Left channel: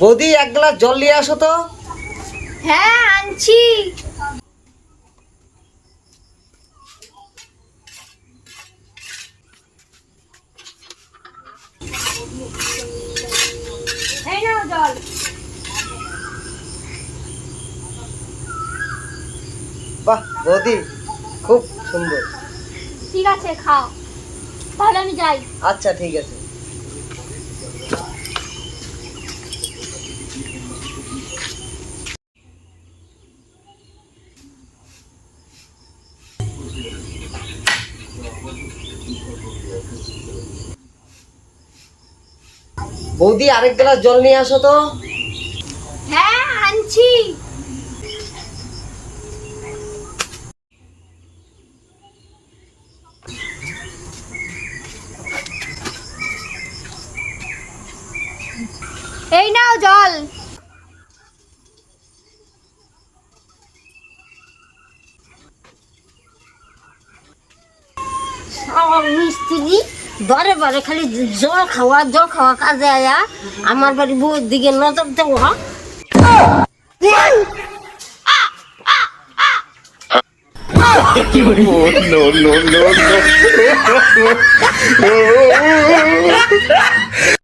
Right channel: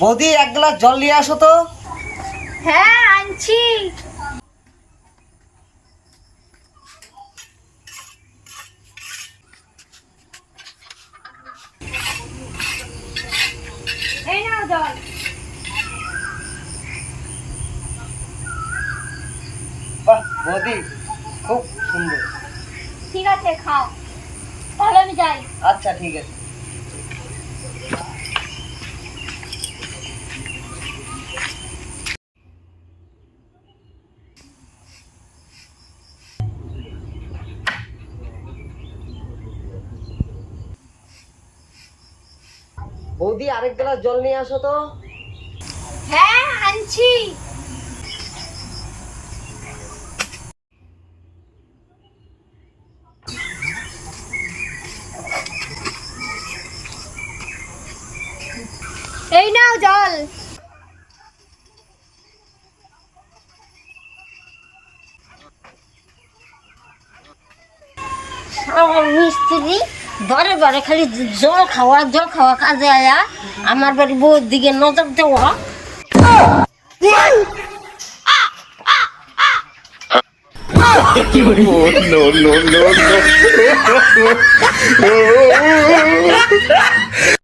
বৌদি, এক গ্লাস জল নিয়ে আসো তো। হ্যাঁ, আনছি। এই নাও জল। বাহ বৌদি, খুব সুন্দর। ঠিক আছে, খাও। তাহলে আমি যাই। আচ্ছা ঠিক আছে। বৌদি, আরেক গ্লাস জল নিয়ে আসো তো। হ্যাঁ, আনছি। এই নাও জল। আমার মিস্ত্রি ঘরে ঘরে খালি জল খাওয়া কাজে আয়া আমার বাড়ি বউর দিকে নজর দেওয়া। Oh, no, no, no, no.